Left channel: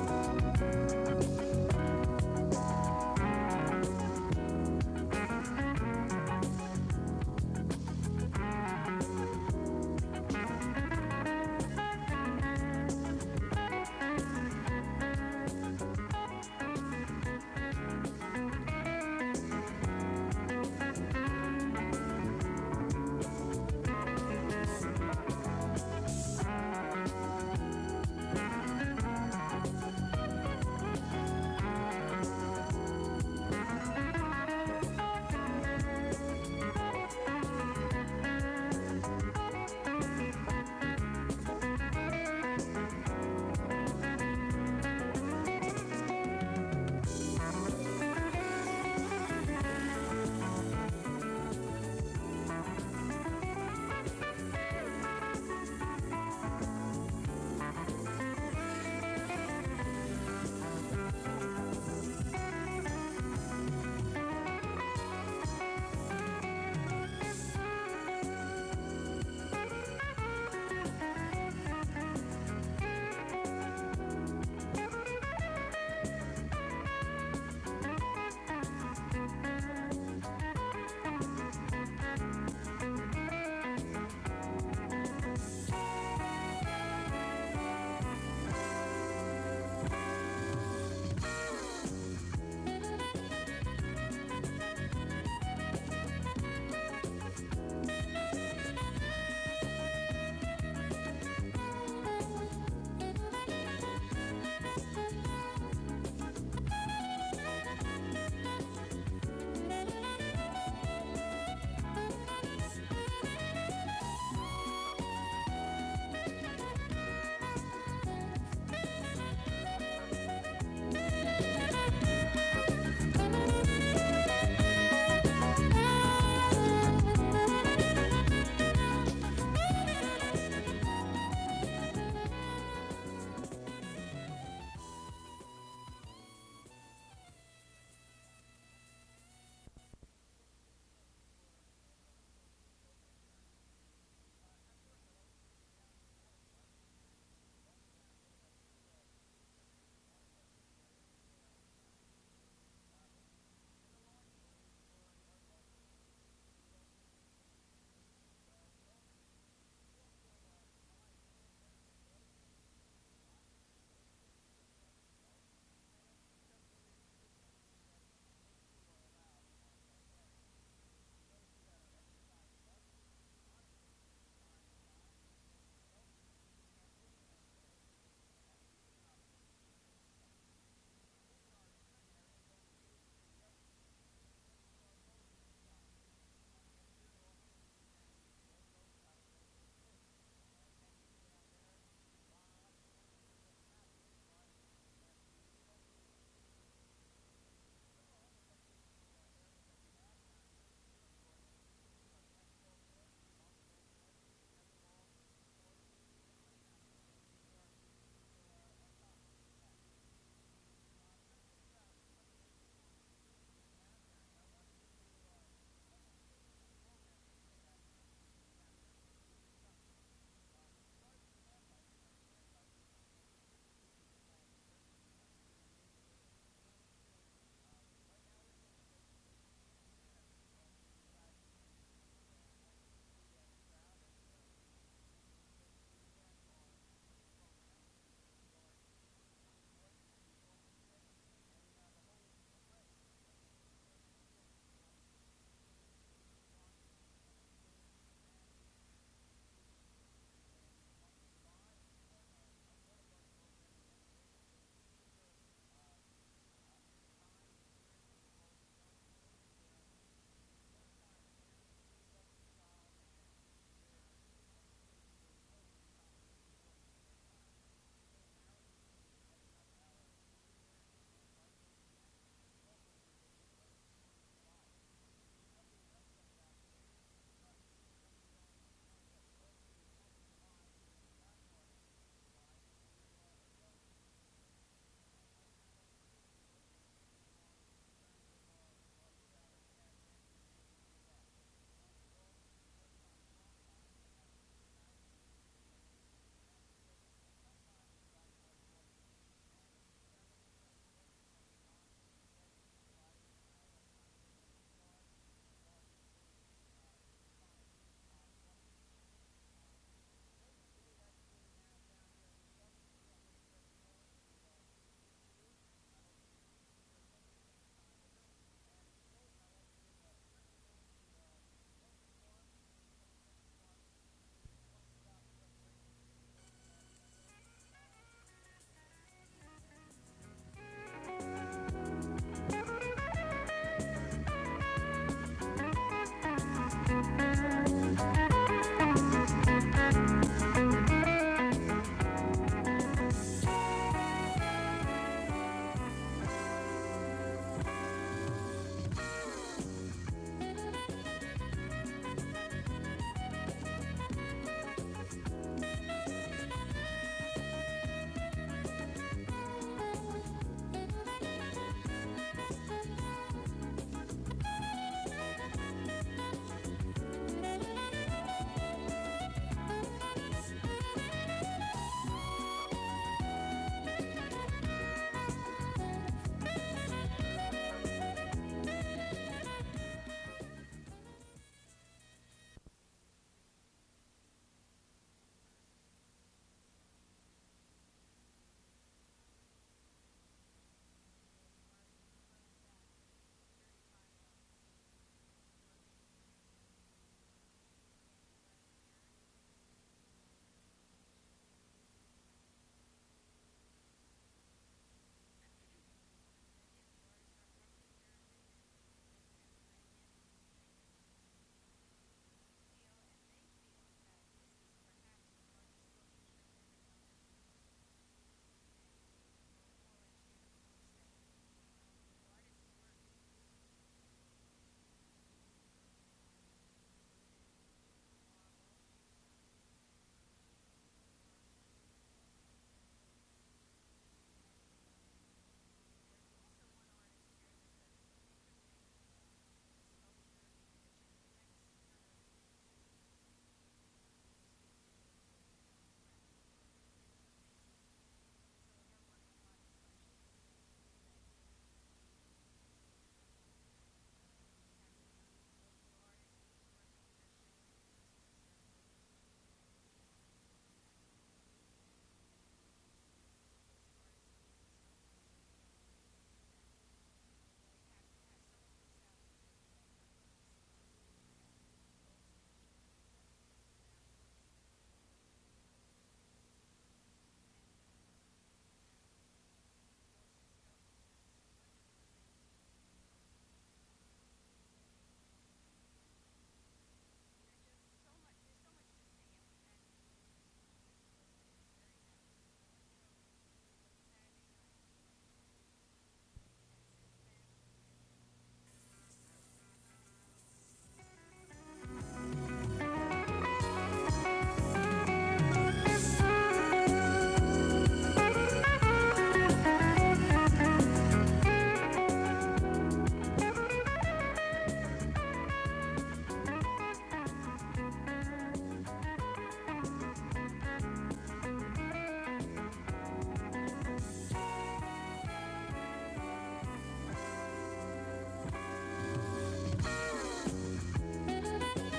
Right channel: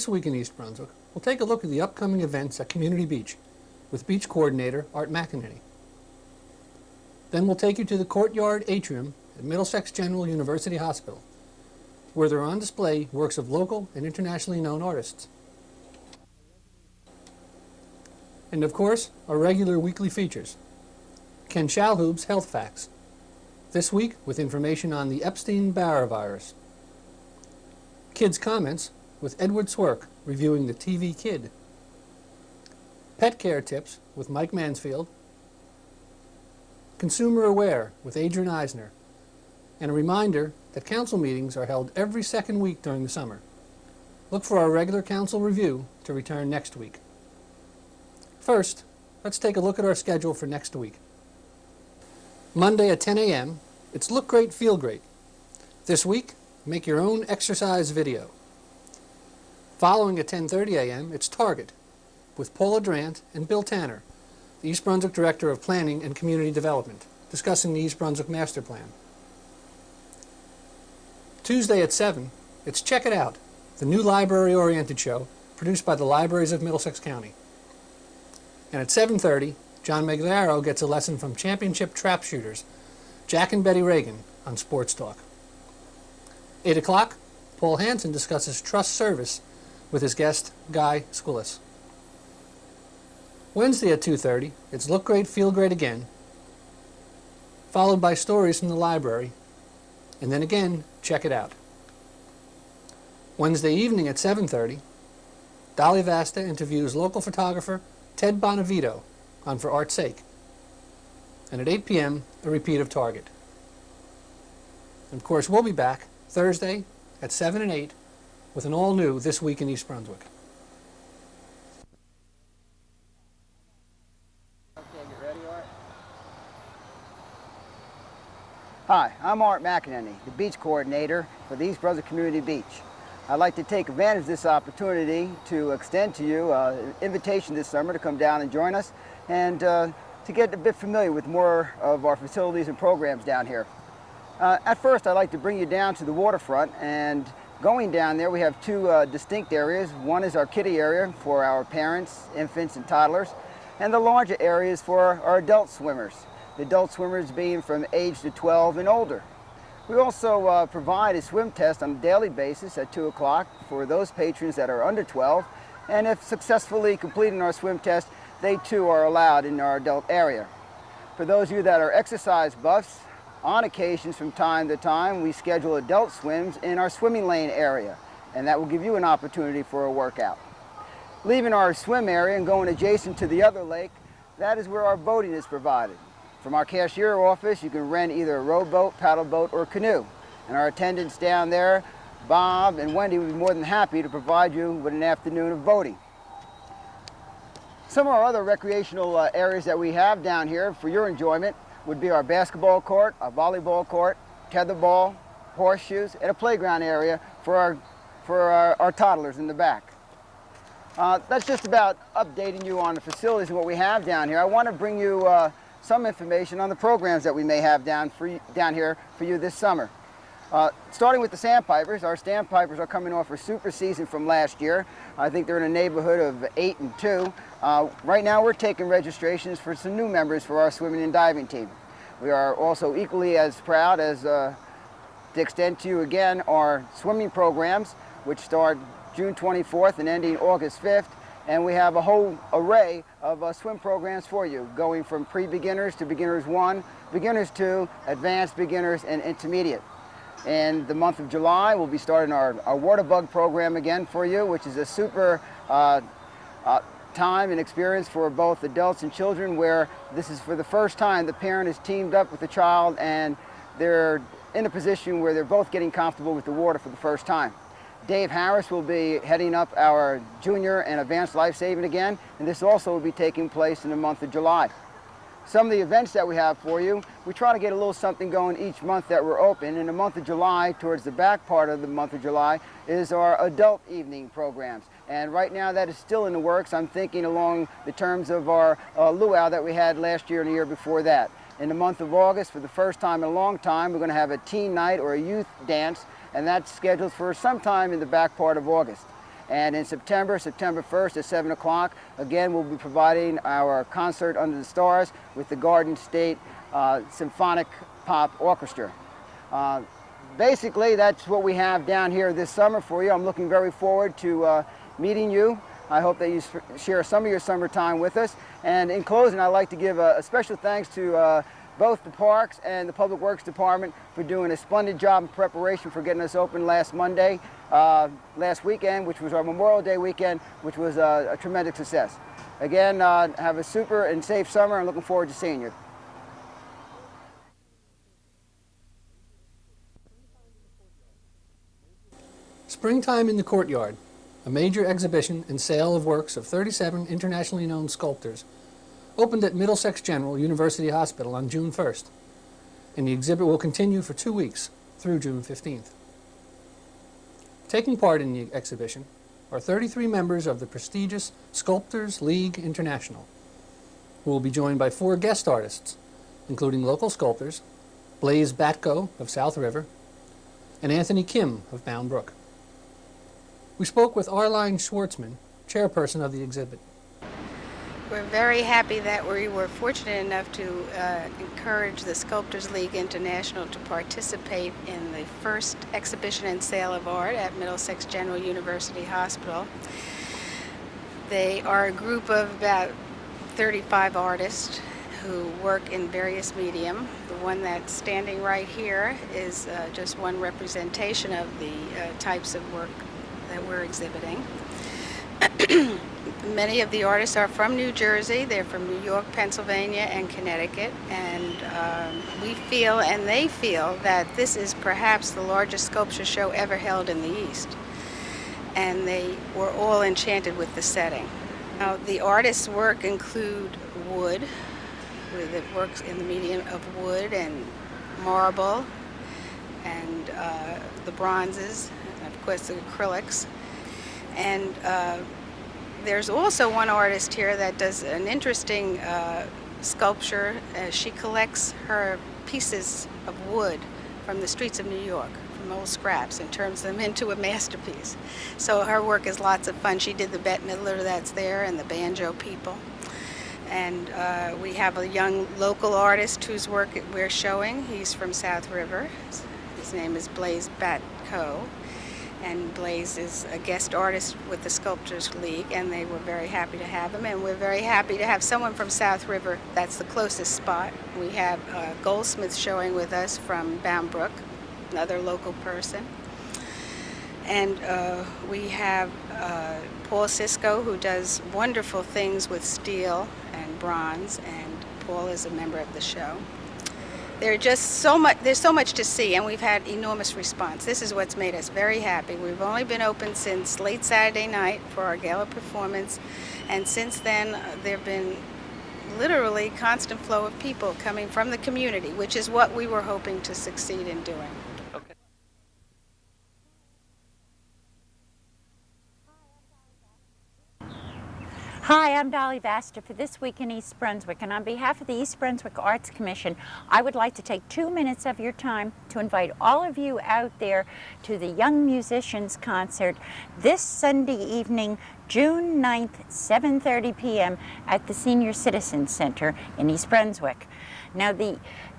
This week in East Brunswick, we'll take a look at the upcoming events at Community Beach with Beach Coordinator Art McInerney. Then we'll take you to the Courtyard Atrium at Middlesex General University Hospital, where there are on display works of local and internationally known artists. And of course, our regular weekly features. Ken Shalhoub's Health Facts, this week with information on the Epstein-Barr virus. Kids Comments with Edward Swierk reviewing the TV Kid. Pet Care Tips with Mike Mansfield. Consumer Aware with Adrian Eisner. And a reminder that council meetings are held every second week during the summer. Look for our regular council review to return next week. First, let's take a look at our schedule for next week. Monday at 10 a.m., it's Look Great, Feel Great. This week, make your own exercise video. Following at 10:30 a.m., it's Target with Paula Drant and Bill Tanner, East Brunswick Director of Planning and Community Development, discussing the East Brunswick Master Plan. Tuesday at 7, it's Check It Out, the new library-oriented show produced by the Libraries of Middlesex County. And at 7:30, John Maglaro gets a lesson from championship trap shooters, Jack and Betty Reagan, on Sports Talk. 8 o'clock, Paul Hansen discusses trust service with his guest, Guy Skoulis. Wednesday at 2:30, it's Look Great, Feel Great again, followed by stories from the library, and then again, Check It Out. Wednesday evening at 7:30, Dolly Vasta interviews local photographer Ted Bonavito on For Art's Sake. And at 8 p.m., a repeat of Target. And of course, we'll be back Thursday at 7 and 8 with an all-new This Week in East Brunswick. Hi, I'm Art McInerney, the Beach Coordinator for the East Brunswick Community Beach. I'd like to take advantage of this opportunity to extend to you an invitation this summer to come down and join us and to get a bit familiar with more of our facilities and programs down here. At first, I'd like to bring you down to the waterfront, and going down there we have two distinct areas. One is our kiddie area for our parents, infants, and toddlers, and the larger area is for our adult swimmers, the adult swimmers being from age to 12 and older. We also provide a swim test on a daily basis at 2 o'clock for those patrons that are under 12, and if successfully completing our swim test, they too are allowed in our adult area. For those of you that are exercise buffs, on occasions from time to time, we schedule adult swims in our swimming lane area, and that will give you an opportunity for a workout. Leaving our swim area and going adjacent to the other lake, that is where our boating is provided. From our cashier office, you can rent either a rowboat, paddle boat, or canoe. And our attendants down there, Bob and Wendy, would be more than happy to provide you with an afternoon of boating. Some of our other recreational areas that we have down here for your enjoyment would be our basketball court, our volleyball court, tetherball, horseshoes, and a playground area for our toddlers in the back. That's just about updating you on the facilities and what we have down here. I want to bring you some information on the programs that we may have down here for you this summer. Starting with the Sandpipers, our Sandpipers are coming off a super season from last year. I think they're in a neighborhood of 8-2. Right now we're taking registrations for some new members for our swimming and diving team. We are also equally as proud as to extend to you again our swimming programs, which start June 24th and ending August 5th. And we have a whole array of swim programs for you, going from pre-beginners to beginners 1, beginners 2, advanced beginners, and intermediate. In the month of July, we'll be starting our water bug program again for you, which is a super time and experience for both adults and children, where this is for the first time the parent is teamed up with the child and they're in a position where they're both getting comfortable with the water for the first time. Dave Harris will be heading up our junior and advanced life saving again, and this also will be taking place in the month of July. Some of the events that we have for you, we try to get a little something going each month that we're open. In the month of July, towards the back part of the month of July, is our adult evening programs. And right now that is still in the works. I'm thinking along the terms of our luau that we had last year and the year before that. In the month of August, for the first time in a long time, we're going to have a teen night or a youth dance, and that's scheduled for sometime in the back part of August. And in September 1st at 7 o'clock, again, we'll be providing our concert under the stars with the Garden State Symphonic Pop Orchestra. Basically, that's what we have down here this summer for you. I'm looking very forward to meeting you. I hope that you share some of your summertime with us. And in closing, I'd like to give a special thanks to both the Parks and the Public Works Department for doing a splendid job in preparation for getting us open last Monday, last weekend, which was our Memorial Day weekend, which was a tremendous success. Again, have a super and safe summer, and looking forward to seeing you. Springtime in the Courtyard, a major exhibition and sale of works of 37 internationally known sculptors, opened at Middlesex General University Hospital on June 1st, and the exhibit will continue for 2 weeks through June 15th. Taking part in the exhibition are 33 members of the prestigious Sculptors League International, who will be joined by 4 guest artists, including local sculptors Blaise Batko of South River and Anthony Kim of Bound Brook. We spoke with Arline Schwartzman, chairperson of the exhibit. We're very happy that we were fortunate enough to encourage the Sculptors League International to participate in the first exhibition and sale of art at Middlesex General University Hospital. They are a group of about 35 artists who work in various medium. The one that's standing right here is just one representation of the types of work that we're exhibiting. Many of the artists are from New Jersey. They're from New York, Pennsylvania, and Connecticut, and we feel, and they feel, that this is perhaps the largest sculpture show ever held in the East, and they were all enchanted with the setting. Now, the artists' work include wood, with it works in the medium of wood and marble, and the bronzes, and of course the acrylics. And there's also one artist here that does an interesting sculpture. She collects her pieces of wood from the streets of New York, from old scraps, and turns them into a masterpiece. So her work is lots of fun. She did the Bette Midler that's there and the banjo people. And we have a young local artist whose work we're showing. He's from South River. His name is Blaise Batko. And Blaise is a guest artist with the Sculptors League, and they were very happy to have him. And we're very happy to have someone from South River. That's the closest spot. We have a goldsmith showing with us from Bound Brook, another local person. And we have Paul Sisko, who does wonderful things with steel and bronze, and Paul is a member of the show. There's so much to see, and we've had enormous response. This is what's made us very happy. We've only been open since late Saturday night for our gala performance, and since then there have been literally constant flow of people coming from the community, which is what we were hoping to succeed in doing. Hi, I'm Dolly for This Week in East Brunswick, and on behalf of the East Brunswick Arts Commission, I would like to take 2 minutes of your time to invite all of you out there to the Young Musicians Concert this Sunday evening, June 9th, 7:30 p.m. at the Senior Citizen Center in East Brunswick. Now, the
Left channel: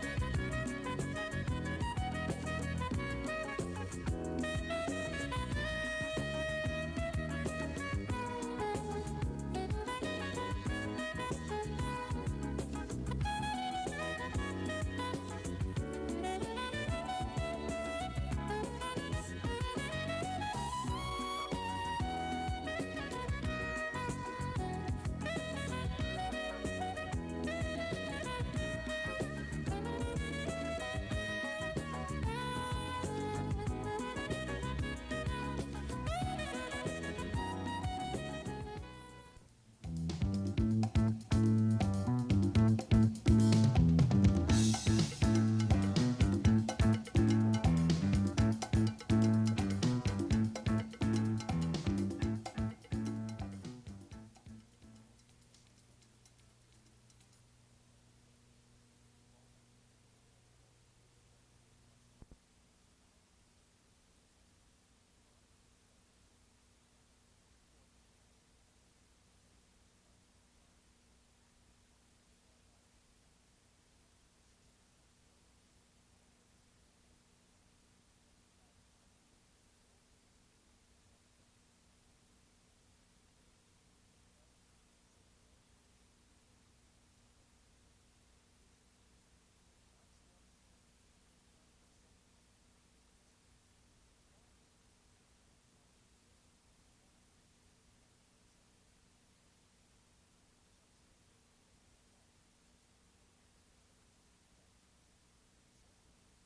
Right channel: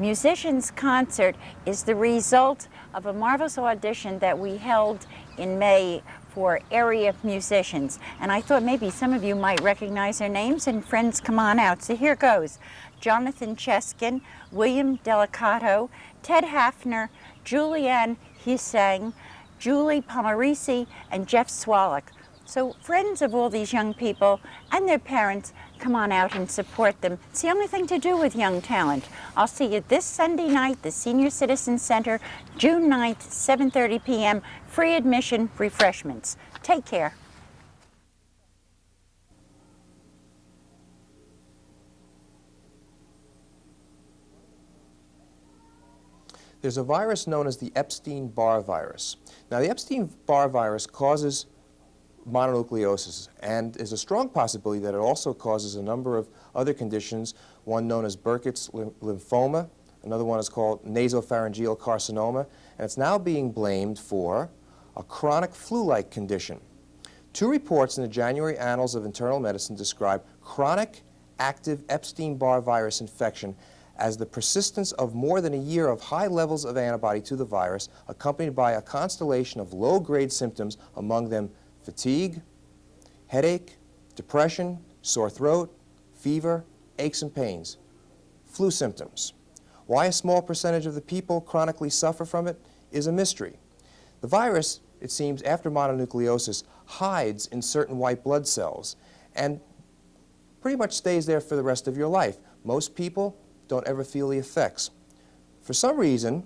Musicians Concert is the result of a marvelous audition that we held in May for area musicians. And I thought maybe some of you might recognize their names, and friends, come on out. So here goes. Jonathan Cheskin, William Delicato, Ted Hafner, Julianne Husang, Julie Pomarisi, and Jeff Swierk. So friends of all these young people and their parents, come on out and support them. It's the only thing to do with young talent. I'll see you this Sunday night, the Senior Citizen Center, June 9th, 7:30 p.m., free admission, refreshments. Take care. There's a virus known as the Epstein-Barr virus. Now, the Epstein-Barr virus causes mononucleosis, and there's a strong possibility that it also causes a number of other conditions, one known as Burkitt's lymphoma, another one is called nasopharyngeal carcinoma, and it's now being blamed for a chronic flu-like condition. 2 reports in the January Annals of Internal Medicine describe chronic active Epstein-Barr virus infection as the persistence of more than a year of high levels of antibody to the virus, accompanied by a constellation of low-grade symptoms, among them fatigue, headache, depression, sore throat, fever, aches and pains, flu symptoms. Why a small percentage of the people chronically suffer from it is a mystery. The virus, it seems, after mononucleosis, hides in certain white blood cells and pretty much stays there for the rest of your life. Most people don't ever feel the effects. For some reason,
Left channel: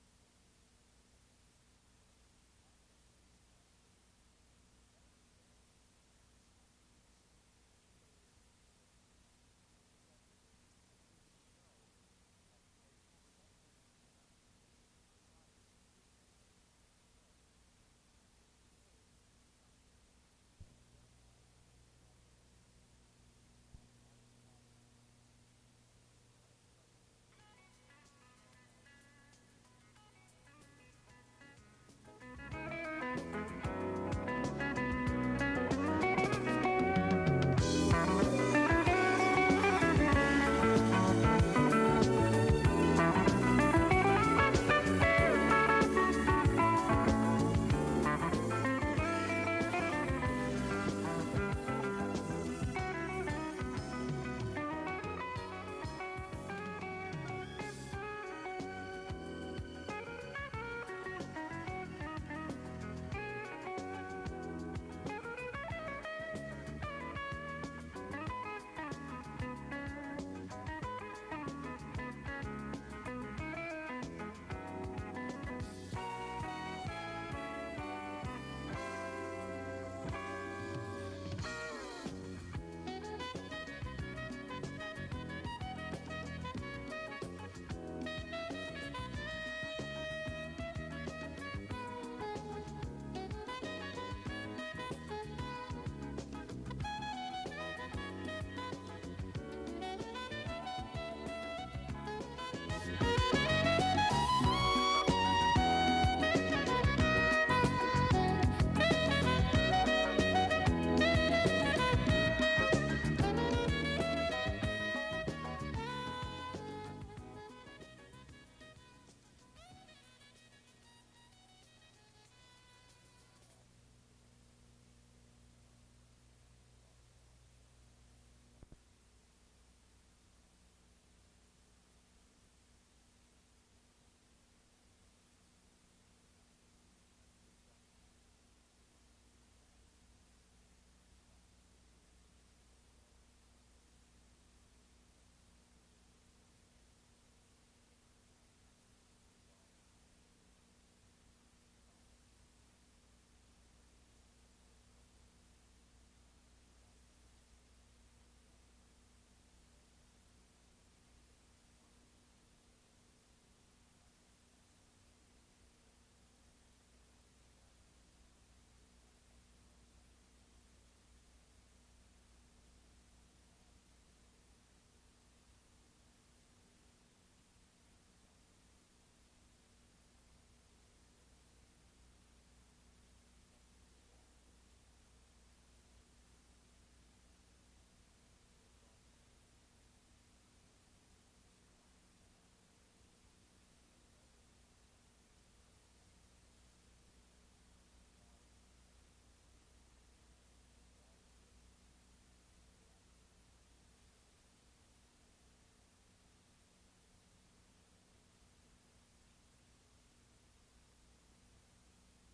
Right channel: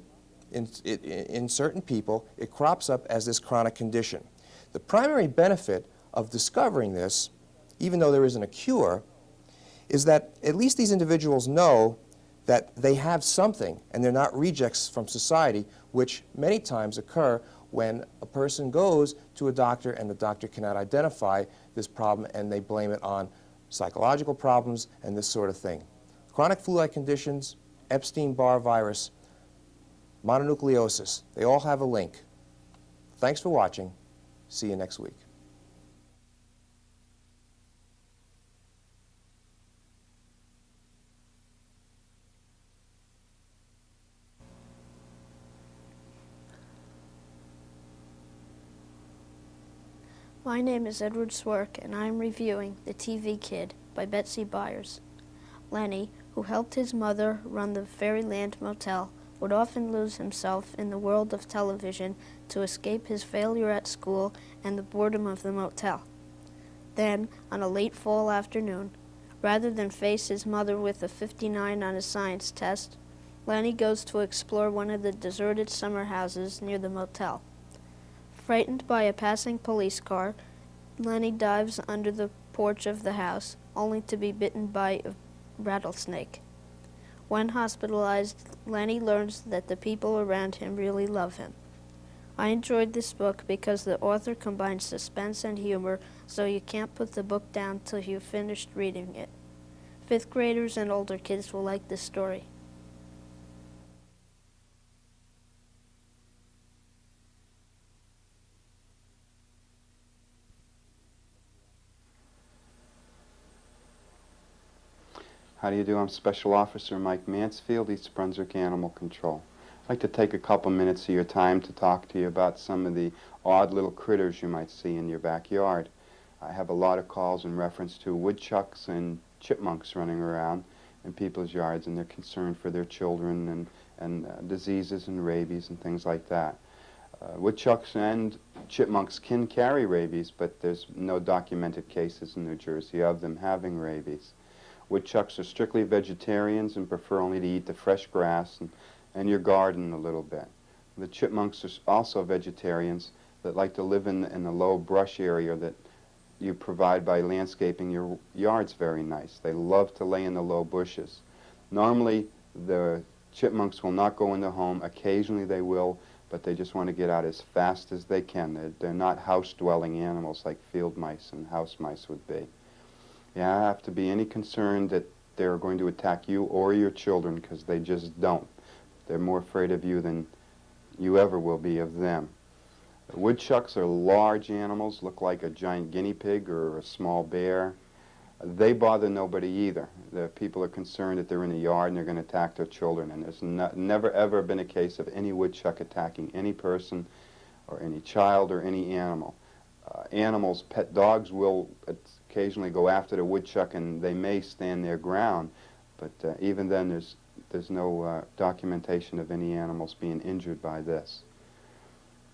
in certain people, it crops up as this chronic condition. The primary benefit of discovering this, even though there isn't a cure, is that at least these individuals know that they have something and they're not rejects from society, which many times occur when a person goes to a doctor and the doctor cannot identify this problem and they blame it on psychological problems and this sort of thing. Chronic flu-like conditions, Epstein-Barr virus, mononucleosis, they all have a link. Thanks for watching. See you next week. My name is Edward Swierk, and I'm reviewing The TV Kid by Betsy Byers. Lenny, who helped his mother run the Fairyland Motel, would often lose himself in the world of television to escape his failure at school and the boredom of the motel. Then, on a late fall afternoon, rather than face his mother with a 59 on his science test, Lenny goes to explore one of the deserted summer houses near the motel. Frightened by a passing police car, Lenny dives under the porch of the house, only to be bitten by a rattlesnake. When hospitalized, Lenny learns that the people around him really love him. I enjoyed this book because the author combines suspense and humor, so you can't put the book down till you've finished reading it. 5th graders and older kids will like this story. How do you do? I'm Special Officer Mike Mansfield, East Brunswick Animal Control. I'd like to take a couple minutes of your time to talk to you about some of the odd little critters you might see in your backyard. I have a lot of calls in reference to woodchucks and chipmunks running around in people's yards, and they're concerned for their children and diseases and rabies and things like that. Woodchucks and chipmunks can carry rabies, but there's no documented cases in New Jersey of them having rabies. Woodchucks are strictly vegetarians and prefer only to eat the fresh grass and your garden a little bit. The chipmunks are also vegetarians that like to live in the low brush area that you provide by landscaping your yards very nice. They love to lay in the low bushes. Normally, the chipmunks will not go in the home. Occasionally they will, but they just want to get out as fast as they can. They're not house-dwelling animals like field mice and house mice would be. You have to be any concerned that they're going to attack you or your children, because they just don't. They're more afraid of you than you ever will be of them. Woodchucks are large animals, look like a giant guinea pig or a small bear. They bother nobody either. The people are concerned that they're in the yard and they're going to attack their children, and there's never ever been a case of any woodchuck attacking any person or any child or any animal. Animals, pet dogs will occasionally go after the woodchuck, and they may stand their ground, but even then there's no documentation of any animals being injured by this.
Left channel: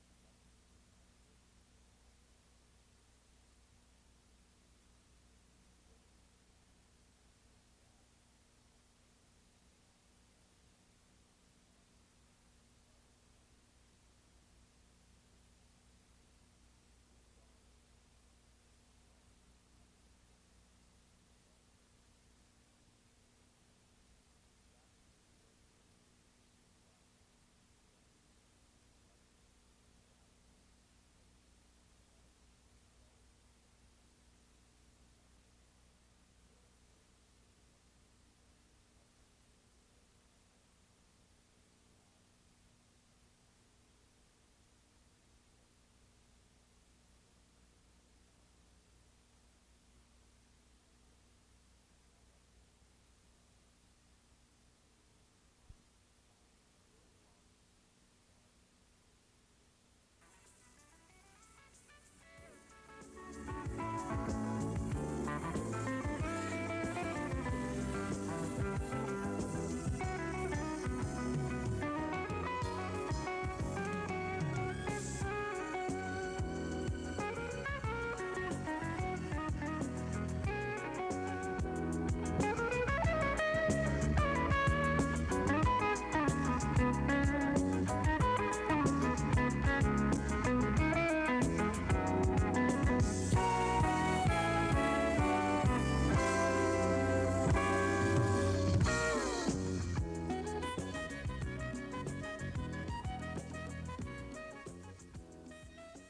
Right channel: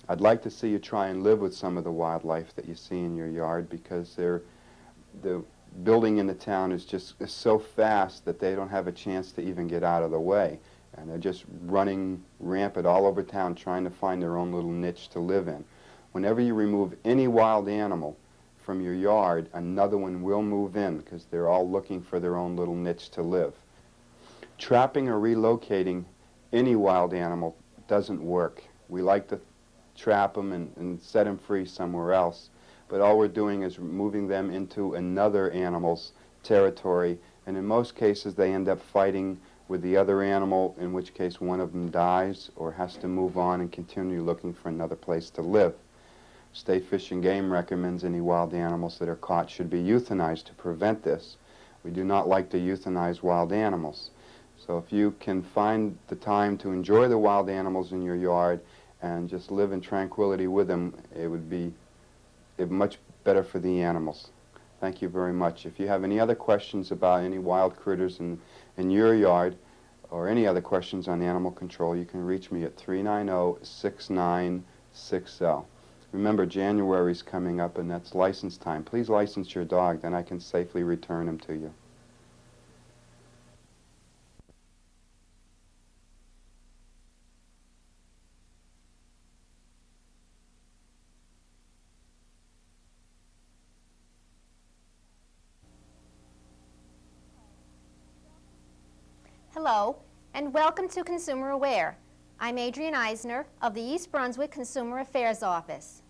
I'd like to see you try and live with some of the wildlife that you see in your yard, because the building in the town is so fast that they don't have a chance to even get out of the way, and they're just running rampant all over town trying to find their own little niche to live in. Whenever you remove any wild animal from your yard, another one will move in, because they're all looking for their own little niche to live. Trapping or relocating any wild animal doesn't work. We like to trap them and set them free somewhere else, but all we're doing is moving them into another animal's territory, and in most cases they end up fighting with the other animal, in which case one of them dies or has to move on and continue looking for another place to live. State Fish and Game recommends any wild animals that are caught should be euthanized to prevent this. We do not like to euthanize wild animals. So if you can find the time to enjoy the wild animals in your yard and just live in tranquility with them, it would be much better for the animals. Thank you very much. If you have any other questions about any wild critters in your yard, or any other questions on animal control, you can reach me at 390-6960. Remember, January is coming up, and that's license time. Please license your dog, then I can safely return him to you. Hello, and welcome to Consumer Aware. I'm Adrienne Eisner of the East Brunswick Consumer Affairs Office.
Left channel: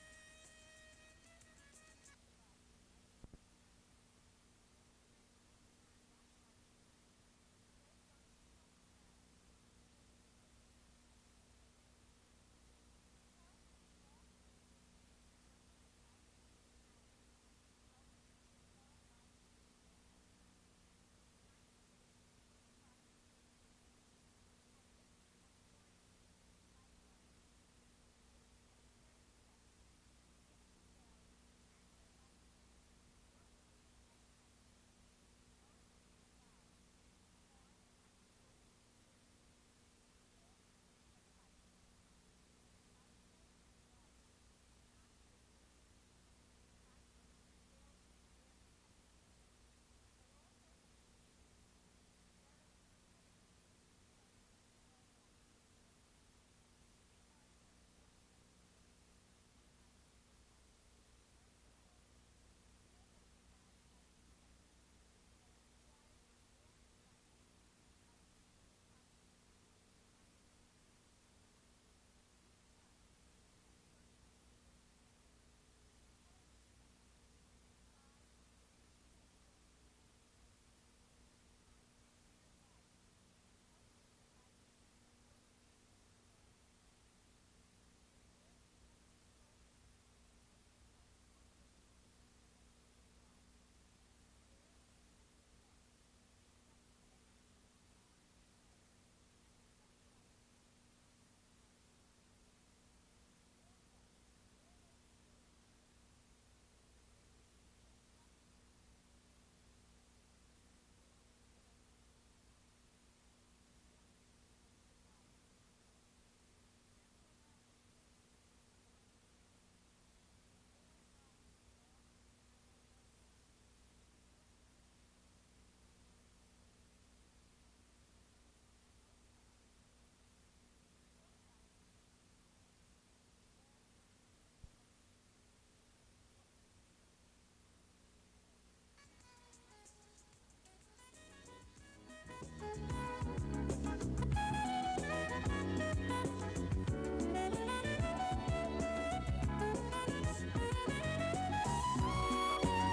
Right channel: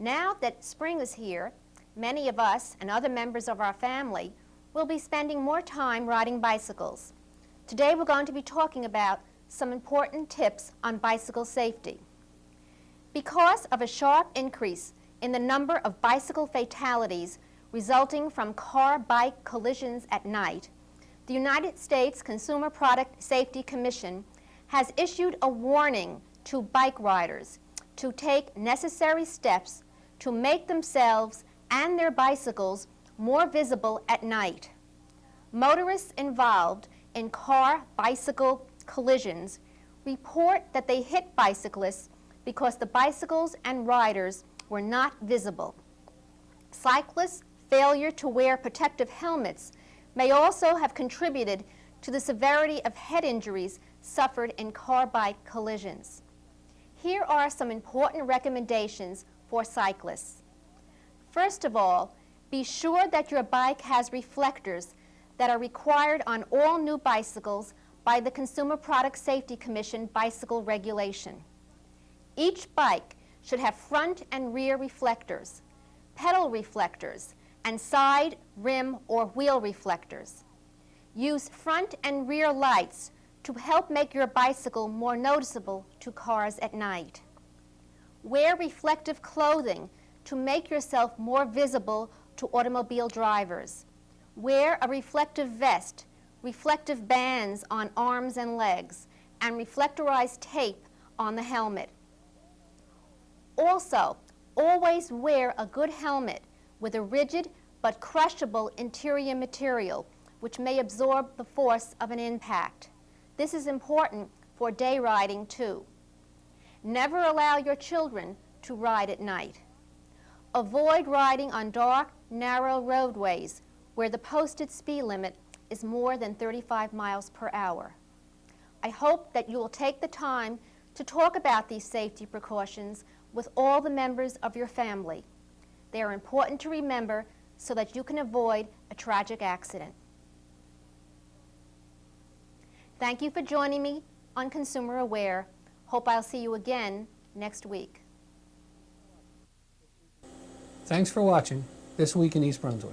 Now that spring is here, many of us and other members of our family will be spending more time riding bicycles. Today we're going to be talking about some important tips on bicycle safety. Because of a sharp increase in the number of bicycle fatalities resulting from car-bike collisions at night, the United States Consumer Product Safety Commission has issued a warning to bike riders to take necessary steps to make themselves and their bicycles more visible at night. Motorists involved in car-bicycle collisions report that they hit bicyclists because the bicycles and riders were not visible. Cyclists' failure to wear protective helmets may also have contributed to the severity of head injuries suffered in car-bike collisions. Here are some important recommendations for cyclists. First of all, be sure that your bike has reflectors that are required on all new bicycles by the Consumer Product Safety Commission bicycle regulation. Each bike should have front and rear reflectors, pedal reflectors, and side, rim, or wheel reflectors. Use front and rear lights to help make your bicycle more noticeable to cars at night. Wear reflective clothing to make yourself more visible to automobile drivers. Wear a reflective vest, reflective bands on arms and legs, and reflectorized tape on the helmet. Also, always wear a good helmet with a rigid but crushable interior material which may absorb the force of an impact. This is important for day riding too. Never allow your children to ride at night. Avoid riding on dark, narrow roadways where the posted speed limit is more than 35 miles per hour. I hope that you will take the time to talk about these safety precautions with all the members of your family. They are important to remember so that you can avoid a tragic accident. Thank you for joining me on Consumer Aware. Hope I'll see you again next week. Thanks for watching This Week in East Brunswick.